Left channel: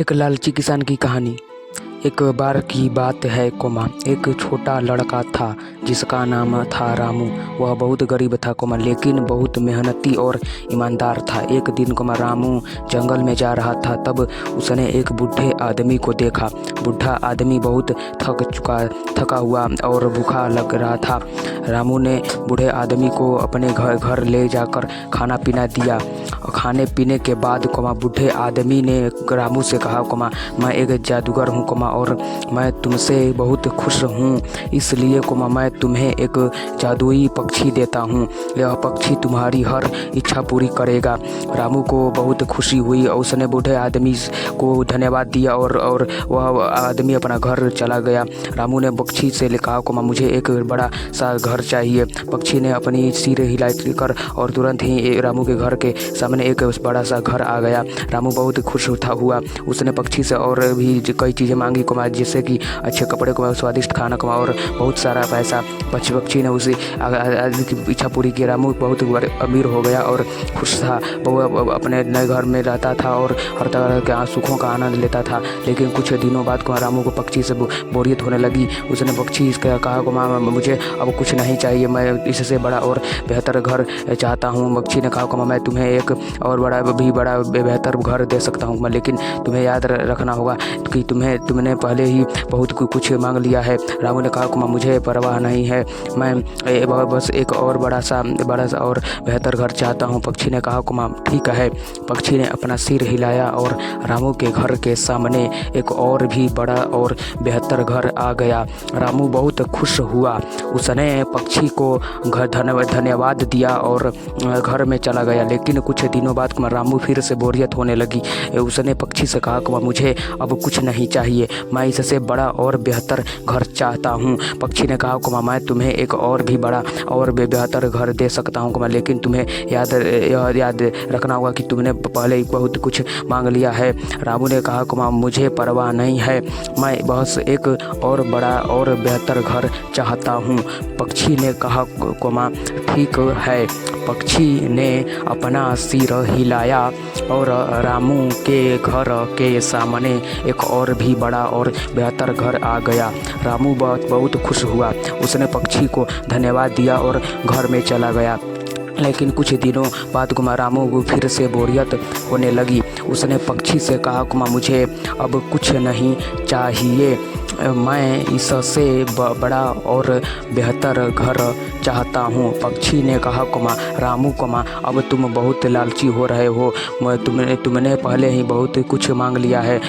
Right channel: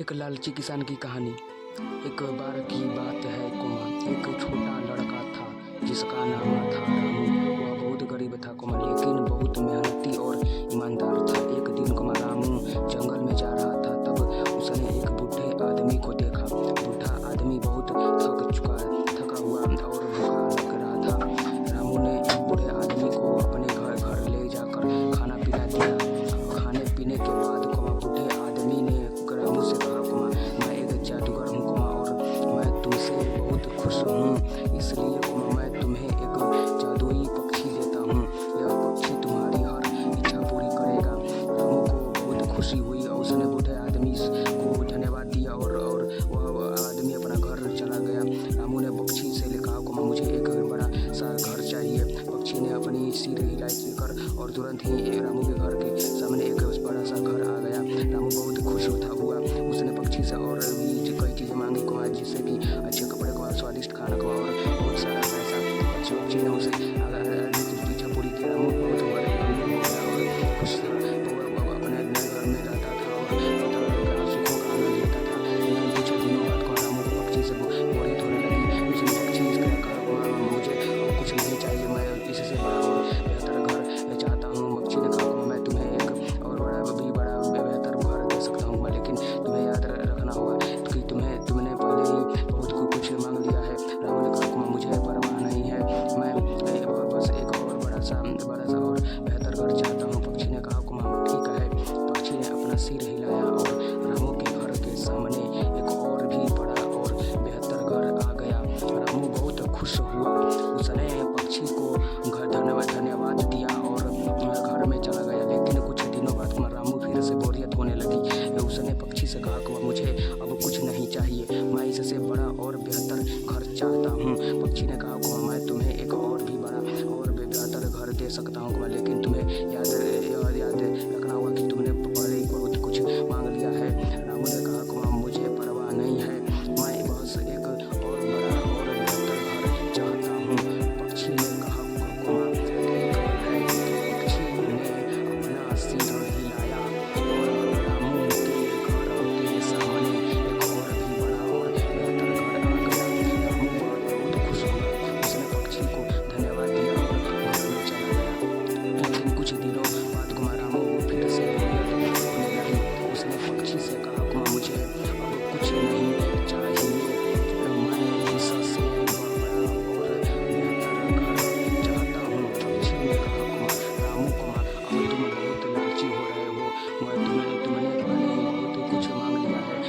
एक लालची किसान की कहानी। एक बार की बात है कोमा, एक छोटा लड़का था जिसका नाम था रामू। वह बहुत गरीब था कोमा, लेकिन बहुत मेहनती और ईमानदार था। एक दिन कोमा रामू जंगल में जा रहा था, तब उसने एक बूढ़े आदमी को देखा। बूढ़ा आदमी बहुत थका हुआ और भूखा लग रहा था। रामू ने बूढ़े आदमी को अपने घर ले जाकर खाना पीना दिया। खाने पीने के बाद कोमा बूढ़े आदमी ने रामू से कहा कोमा, मैं एक जादूगर हूँ कोमा, और मैं तुमसे बहुत खुश हूँ, इसलिए कोमा मैं तुम्हें एक जादुई पक्षी देता हूँ। यह पक्षी तुम्हारी हर इच्छा पूरी करेगा। रामू को बहुत खुशी हुई और उसने बूढ़े आदमी को धन्यवाद दिया और वह आदमी अपना घर चला गया। रामू ने पक्षी से कहा कोमा, मुझे एक बड़ा सा घर चाहिए। पक्षी ने अपनी सिर हिलाई कर और तुरंत ही रामू के घर के सामने एक बड़ा सा घर आ गया। रामू बहुत खुश हुआ। उसने पक्षी से और भी कई चीज़ें मांगी कोमा, जैसे कि अच्छे कपड़े कोमा, स्वादिष्ट खाना कोमा और बहुत सारा पैसा। पक्षी ने उसे की इच्छा पूरी की। रामू बहुत अमीर हो गया और खुश था। वो अपने नए घर में रहता था और हर तरह के सुखों का आनंद लेता था। लेकिन कुछ दिनों बाद रामू को पक्षी से बोरियत होने लगी। उसने पक्षी से कहा कोमा, मुझे अब कुछ नहीं चाहिए, मैं इससे बड़ा और बेहतर घर चाहता हूँ। पक्षी ने कहा कोमा, मैं तुम्हें एक और बड़ा बेहतर घर दे सकता हूँ, लेकिन तुम्हें याद रखना होगा कि तुमने पहले ही बहुत कुछ मांग लिया है। रामू ने कहा कोमा, मुझे परवाह नहीं है, मैं बस एक और बड़ा सा और बेहतर घर चाहता हूँ। पक्षी ने कहा कोमा, ठीक है। पक्षी ने अपना सिर हिलाया और रामू के घर के सामने एक और भी बड़ा और बेहतर घर आ गया। रामू बहुत खुश हुआ। उसने पक्षी को धन्यवाद दिया और घर में चला गया। लेकिन कुछ दिनों बाद रामू फिर से बोरियत होने लगी। उसने पक्षी से कहा कि मुझे अब कुछ नहीं चाहिए, मैं इससे बड़ा और बेहतर घर चाहता हूँ। पक्षी ने कहा कि मैं तुम्हें एक और भी बड़ा और बेहतर घर दे सकता हूँ, लेकिन तुम्हें याद रखना होगा कि तुमने पहले ही बहुत कुछ मांग लिया है। रामू ने कहा कि मुझे परवाह नहीं है, मैं बस एक और बड़ा और बेहतर घर चाहता हूँ। पक्षी ने कहा कोमा, ठीक है। पक्षी ने अपना सिर हिलाया और रामू के घर के सामने एक और भी बड़ा और बेहतर घर आ गया। रामू बहुत खुश हुआ। उसने पक्षी को धन्यवाद दिया और घर में चला गया। लेकिन कुछ दिनों बाद रामू को फिर से बोरियत होने लगी। उसने पक्षी से कहा कुमा, मुझे अब कुछ नहीं चाहिए, मैं इससे बड़ा और बेहतर घर चाहता हूँ। पक्षी ने कहा कुमा, रामू कुमा, अब तुम बहुत लालची हो रहे हो, तुमने पहले ही बहुत कुछ मांग लिया है।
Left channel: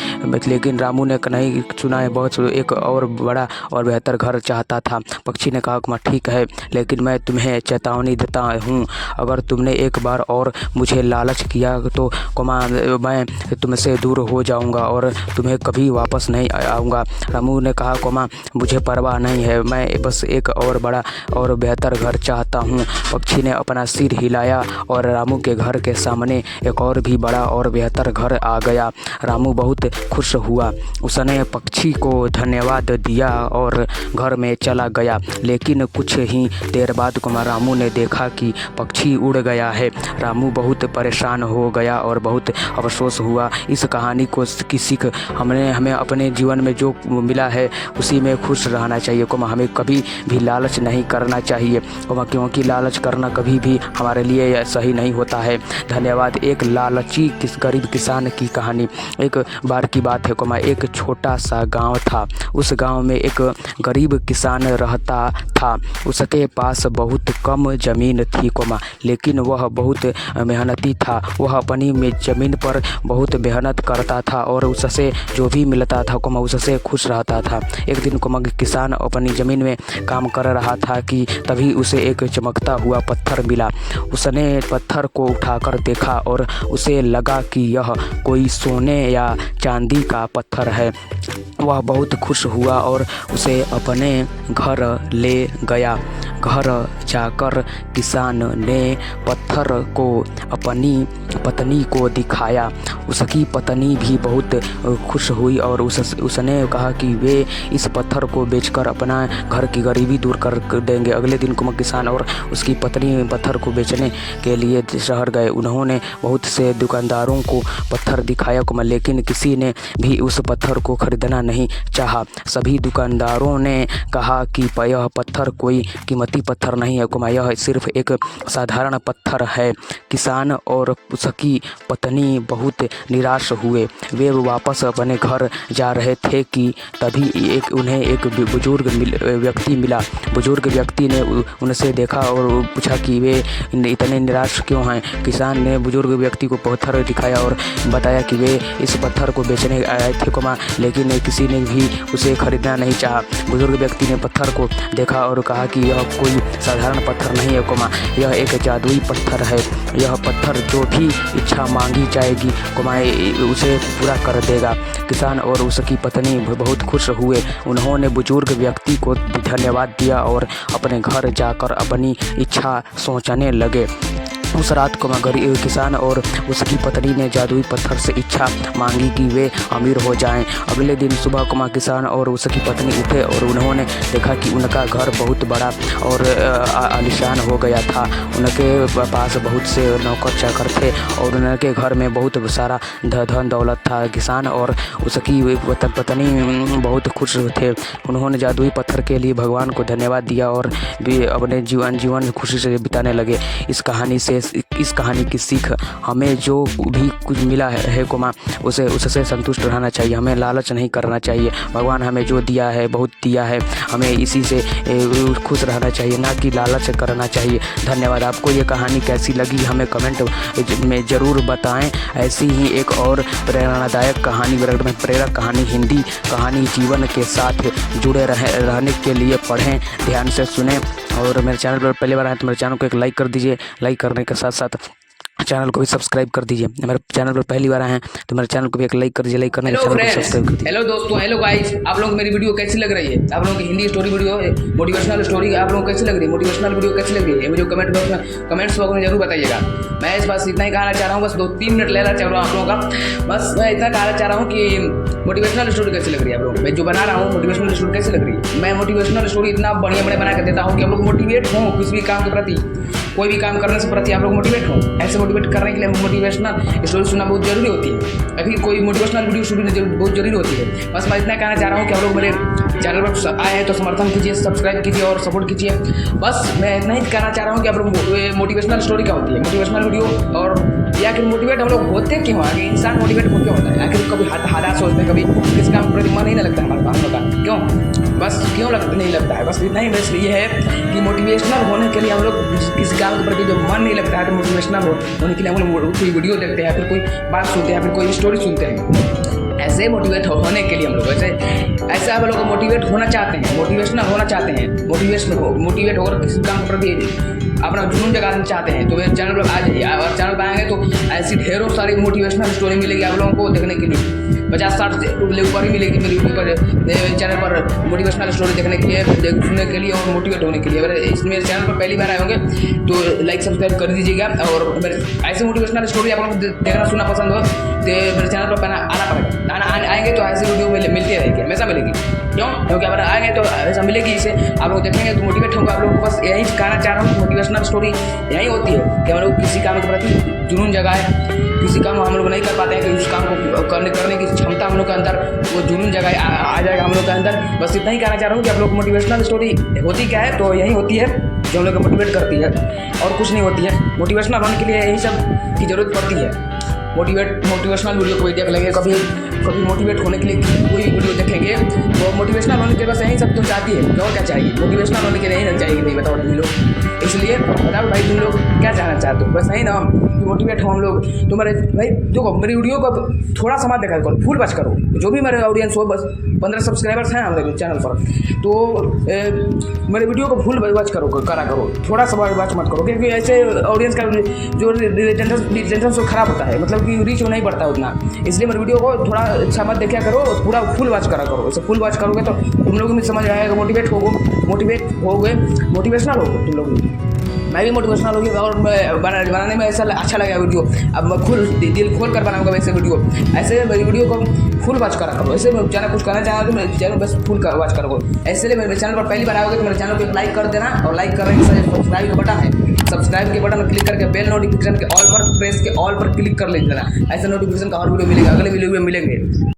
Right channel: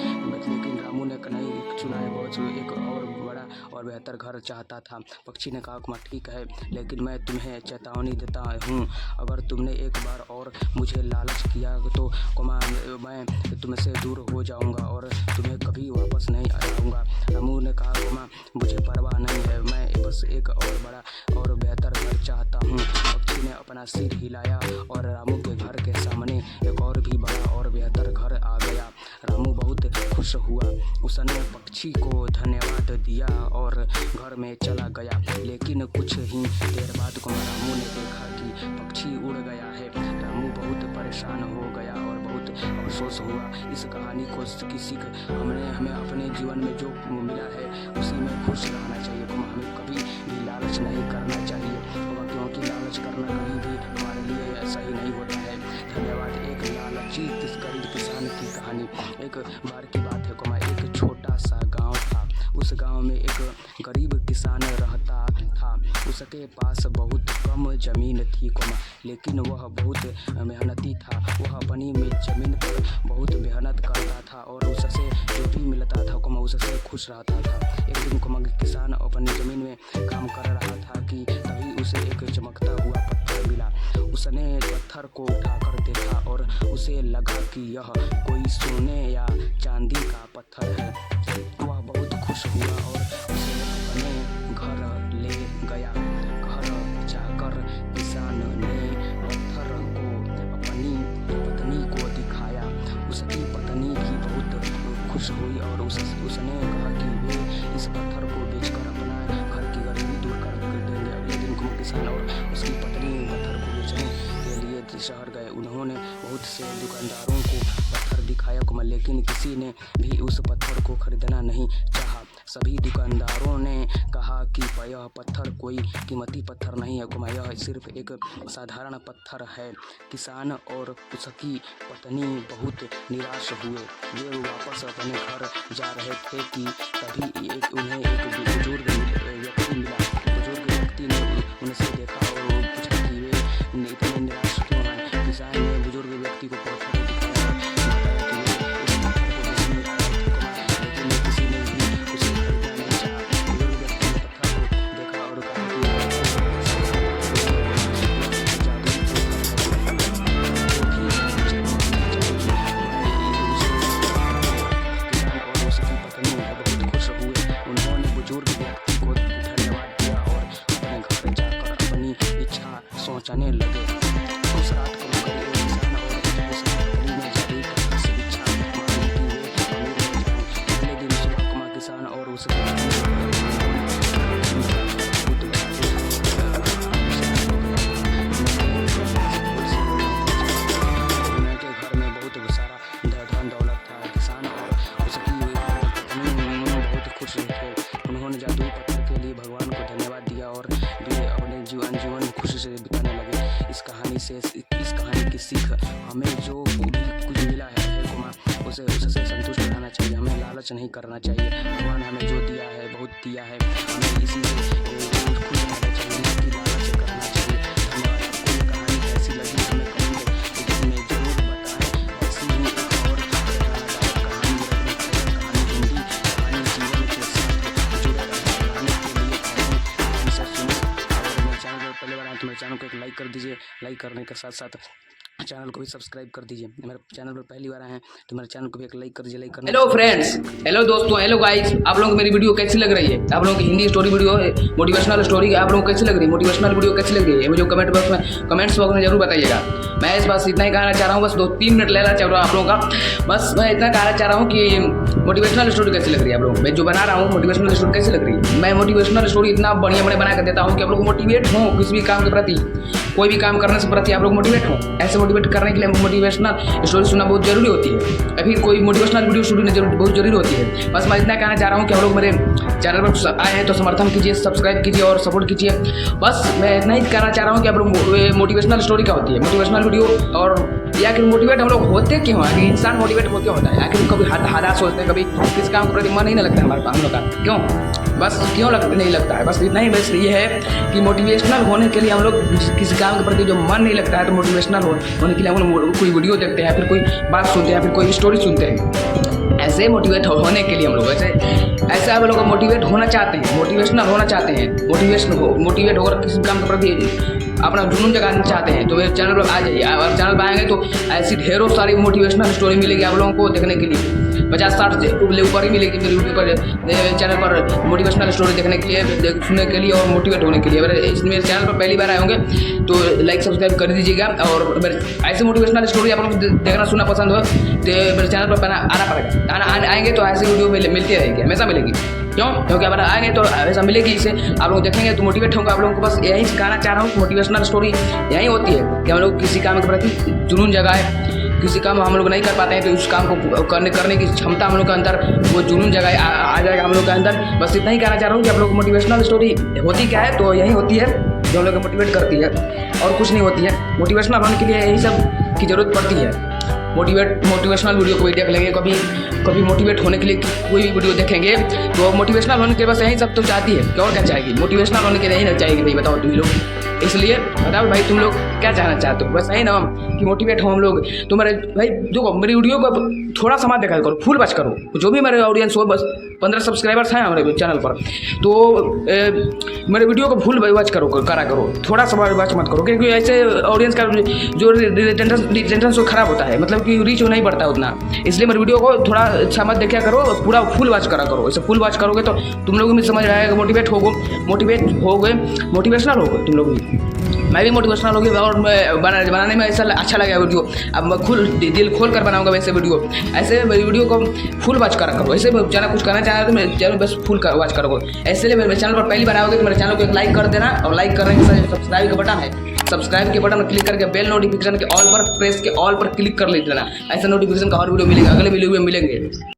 लेकिन रामू ने नहीं सुना है, बहुत एक और बड़ा और बेहतर घर चाहता था। पक्षी ने कहा कुमा, ठीक है, लेकिन मैं तुम्हें चेतावनी देता हूँ, अगर तुमने एक बार और मुझे लालच किया तो कुमा मैं तुमसे दूर हो जाऊंगा और तुम्हें कभी वापस नहीं आऊँगा। रामू ने कहा कुमा, मुझे परवाह नहीं है, मैं बस एक और बड़ा और बेहतर घर चाहता हूँ। पक्षी ने अपना सिर हिलाया और रामू के घर के सामने एक और भी बड़ा और बेहतर घर आ गया। रामू बहुत खुश हुआ। उसने पक्षी को धन्यवाद दिया और घर में चला गया। लेकिन कुछ ही देर बाद रामू ने देखा कि पक्षी उड़ गया है। रामू बहुत परेशान हो गया और बहुत अफसोस हुआ। इस कहानी को की सीख हमें अपने जीवन में जो मिला है उसी में खुश रहना चाहिए। हमें कभी भी लालच नहीं करना चाहिए, क्योंकि लालच करना कभी भी हमारे लिए सही नहीं होता है। धन्यवाद। एक लालची गरीब किसान की कहानी। एक बार की बात है, एक छोटा सा गांव था। उस गांव में एक गरीब किसान रहता था। उसके पास बहुत कम ज़मीन थी, लेकिन वह बहुत मेहनती था। वह अपनी ज़मीन पर बहुत मेहनत करता था और उससे जो भी मिलता था उससे खुश रहता था। एक दिन किसान अपनी ज़मीन में काम कर रहा था कि तभी उसे एक चमकता हुआ पत्थर मिला। उसने पत्थर को उठाकर देखा और उसे लगा कि यह कोई सोने या चांदी का पत्थर है। वह बहुत खुश हुआ और उसे अपने घर ले गया। घर जाकर किसान ने पत्थर को अपनी पत्नी को दिखाया। उसकी पत्नी भी बहुत खुश हुई और उसने कहा कि वे इस पत्थर को बेचकर अपना घर की गरीबी दूर कर देंगे। अगले दिन किसान और उसकी पत्नी पत्थर को बेचने के लिए शहर गए। उन्होंने बहुत से दुकानदारों को पत्थर दिखाया, लेकिन किसी ने भी उस पत्थर को खरीदना नहीं चाहा। सभी दुकानदारों ने कहा कि यह पत्थर कोई कीमती पत्थर नहीं है, यह सिर्फ एक साधारण पत्थर है। किसान और उसकी पत्नी बहुत निराश हुए। वे वापस अपने घर जा रहे थे कि तभी उन्हें एक बुजुर्ग व्यक्ति मिला। बुजुर्ग व्यक्ति ने उनसे देखा और पूछा कि वे इतने निराश क्यों हैं। किसान ने बुजुर्ग व्यक्ति को पत्थर दिखाया और बताया कि वे इस पत्थर को बेचने आए थे, लेकिन किसी ने भी उसे खरीदना नहीं चाहा। बुजुर्ग व्यक्ति ने पत्थर को देखा और कहा कि यह कोई साधारण पत्थर नहीं है, यह एक जादुई पत्थर है। यह पत्थर जो भी इच्छा मांगी जाएगी उसे पूरा कर देगा। किसान और उसकी पत्नी बहुत खुश हुए। उन्होंने बुजुर्ग व्यक्ति को धन्यवाद दिया और अपने घर जाकर अपनी इच्छा सोचने लगे। उस रात किसान और उसकी पत्नी ने जादुई पत्थर से इच्छा मांगी कि वे अमीर हो जाएं। अगले दिन सुबह किसान और उसकी पत्नी उठे और उन्होंने देखा कि उनका घर बहुत बड़ा और आलीशान हो गया था। उनके पास बहुत से नौकर चाकर थे और उनके घर में बहुत सारा धन दौलत था। किसान और उसकी पत्नी बहुत खुश थे। उन्होंने जादुई पत्थर के लिए भगवान को धन्यवाद दिया और वे अपने जीवन खुशी से बिताने लगे। इस कहानी की सीख हमें जो भी कुछ मिला है उससे संतुष्ट रहना चाहिए। हमें लालच नहीं करना चाहिए। भगवान हमें जो दिया है बहुत दिया है, हमें इसी से खुश रहना चाहिए, ना कि लालच करना चाहिए। धन्यवाद। आपको ये कहानी कैसी लगी हमें कमेंट में ज़रूर बताएं। ऐसी ही एक और प्रेरणादायक कहानी, प्रेरक कहानी, हिंदी कहानी जीवन के साथ जुड़े रहने के लिए पढ़ें, ध्यान से सुने। और मेरे चैनल पर पहली बार आए तो मेरे चैनल को एक लाइक कर दीजिए। लाइक करने के साथ साथ चैनल को भी सब्सक्राइब कर दीजिए। मेरे चैनल पर पहली बार आए हैं तो मेरे चैनल को भी एक लाइक कर दीजिए। लाइक करने हेलो फ्रेंड्स, हेलो दोस्तों, हेलो गाइस। आप लोगों को मेरी वीडियो कैसी लग रही है? आप लोगों की Hindi story video, motivational story आप लोगों को कैसी लग रही है? मोटिवेशनल वीडियो कैसी लग रही है मुझे कमेंट्स बॉक्स में जरूर बताइएगा। मैं इस बात इतना ही कहना चाह रहा हूँ, बस 2-3 मिनट लेना चाह रहा हूँ आप लोगों का। बस मैं इतना कहना चाह रहा हूँ कि मोटिवेशनल स्टोरी कैसी लग रही है आप लोगों को। मैं जो बना रहा हूँ मोटिवेशनल स्टोरी कैसी लग रही है? मैं मोटिवेशनल स्टोरी इतना बढ़िया बना कर देता हूँ कि आप लोग मोटिवेट हों किसी भी काम के प्रति, कोई भी काम करने से प्रति आप लोग मोटिवेट हों। ऐसे मोटिवेट करने के लिए मोटिवेशनल स्टोरी सुनना बहुत जरूरी होती है। फिर कोई मोटिवेशनल वीडियो सुनना बहुत जरूरी होती है। बस मैं इतना कहना चाह रहा हूँ कि आप लोग मेरे चैनल पर आए हैं तो समर्थन कीजिए, सब्सक्राइब कीजिए और सपोर्ट कीजिए। बस मैं इतना ही कहना चाह रहा हूँ कि आप लोग मोटिवेशनल स्टोरी क्या होती है, मोटिवेशनल वीडियो, और या फिर मोटिवेट हम लोग होते क्यों, आखिर इंसान मोटिवेट हो क्यों होता है? आखिर कभी हालात सोचते हैं, कभी किसी काम के प्रति मन ही नहीं लगता हमारे हम लोग का, क्यों? बस क्यों नहीं लगता है? बस इतना ही बस ये है कि मोटिवेशनल होने के लिए हम लोग किसी काम के प्रति जो मन नहीं लगता है तो मोटिवेशनल होने के लिए हम लोग कोई वीडियो देखते हैं, फिर कोई बात सुनते हैं, फिर कोई स्टोरी सुनते हैं। ऐसे मोटिवेट होने के लिए हम लोग ऐसे आप लोग मोटिवेट होना चाहते हैं, मोटिवेशनल होना चाहते हैं, मोटिवेट होकर किसी काम के प्रति अपना जुनून जगाना चाहते हैं तो मेरे चैनल पर आ जाइए। आप चैनल पर आएंगे तो ऐसी ढेरों सारी मोटिवेशनल स्टोरी मिलेगी आप लोगों को देखने के लिए। 50-60 ऊपर ही मिलेगी मेरे यूट्यूब चैनल पर मोटिवेशनल स्टोरी देखने के लिए, सुनने के लिए और मोटिवेट होने के लिए। अगर इसमें चैनल पर पहली बार आए होंगे तो लाइक सब्सक्राइब कर दीजिएगा। और मेरे ऐसे मोटिवेशनल स्टोरी आप लोग देखना सुनना पसंद हो तो मेरे चैनल पर आना पड़ेगा। आएंगे तो ऐसी वीडियो मिलती रहेगी, हमेशा मिलेगी। क्यों? क्योंकि अगर आएंगे तो ऐसा मिलेगी, इसे आप लोग देखेंगे तो मोटिवेट होगा। आप लोगों को बस यही कहना चाह रहा हूँ कि मोटिवेशनल स्टोरी यही होती है कि हम लोग किसी काम के प्रति जुनून जगाए। किसी काम हम लोग नहीं कर पाते हैं तो इस काम को करने की क्षमता हम लोग के अंदर, वो जुनून जगाए आ जाएगा हम लोग के अंदर। बस इतना ही कहना चाह रहा हूँ कि आप लोग मोटिवेशनल स्टोरी होती क्या है, तो यही होती है जो हम लोग को मोटिवेट करती है और कुछ नहीं होती है। मोटिवेशनल होने के लिए यही सब की ज़रूरत पड़ती है। मोटिवेशनल वीडियो कोई देख लेंगे, कभी मोटिवेट होने के लिए कोई वीडियो देखेंगे तो मोटिवेशनल होने के बस यही सब तो चाहती है। और क्या चाहेगी? मोटिवेशनल होने के लिए यही ना चाहिए भाई, बताओ तुम लोग। इसलिए बताओ भाई तुम लोग क्या चाहना चाहते हो? बस यही ना कि मोटिवेट हो हम लोग। तो मेरे भाई देखो, मेरी वीडियो को थोड़ा समय देखा करो, फुल वॉच करो। जो भी मेरे ऑडियंस हो, बस 15 सब्सक्राइबर्स हैं हमारे चैनल पर, तो मेरे वीडियो को फुल वॉच करा करो, थोड़ा सा वॉच मत करो, क्योंकि ऐसे ऑडियंस का जो रिटेंशन खराब होता है, मतलब कि रीच नहीं बढ़ता उतना। इसलिए मेरे वीडियो को थोड़ा अच्छा मत देखा करो, पूरा फुल वॉच करा करो। ऐसे फुल वॉच करोगे तो तुम लोग भी समझ आएगा, मोटिवेट हो गए, मोटिवेशनल हो गए तुम लोग भी। मैं भी मोटिवेशनल होगी और मैं बनाने में ऐसा अच्छा लगा वीडियो। अब मैं दिल खोल कर बनाऊंगा वैसे वीडियो। ऐसे मेरी वीडियो को फुल वॉच करा करो। ऐसे चैनल कुछ करना चाह रहे तो मेरे चैनल बस फुल वॉच करो। ऐसे लिए मेरे चैनल पर पहली बार आओगे तो मेरे चैनल को एक लाइक कर देना, और लाइक करने के साथ सब्सक्राइब का बटन है, सब्सक्राइब के बटन पर क्लिक करके बेल नोटिफिकेशन के ऑल पर प्रेस के ऑल पर क्लिक कर लेना। ऐसा नोटिफिकेशन का और वीडियो मिलेगा, अगले वीडियो में मिलेंगे।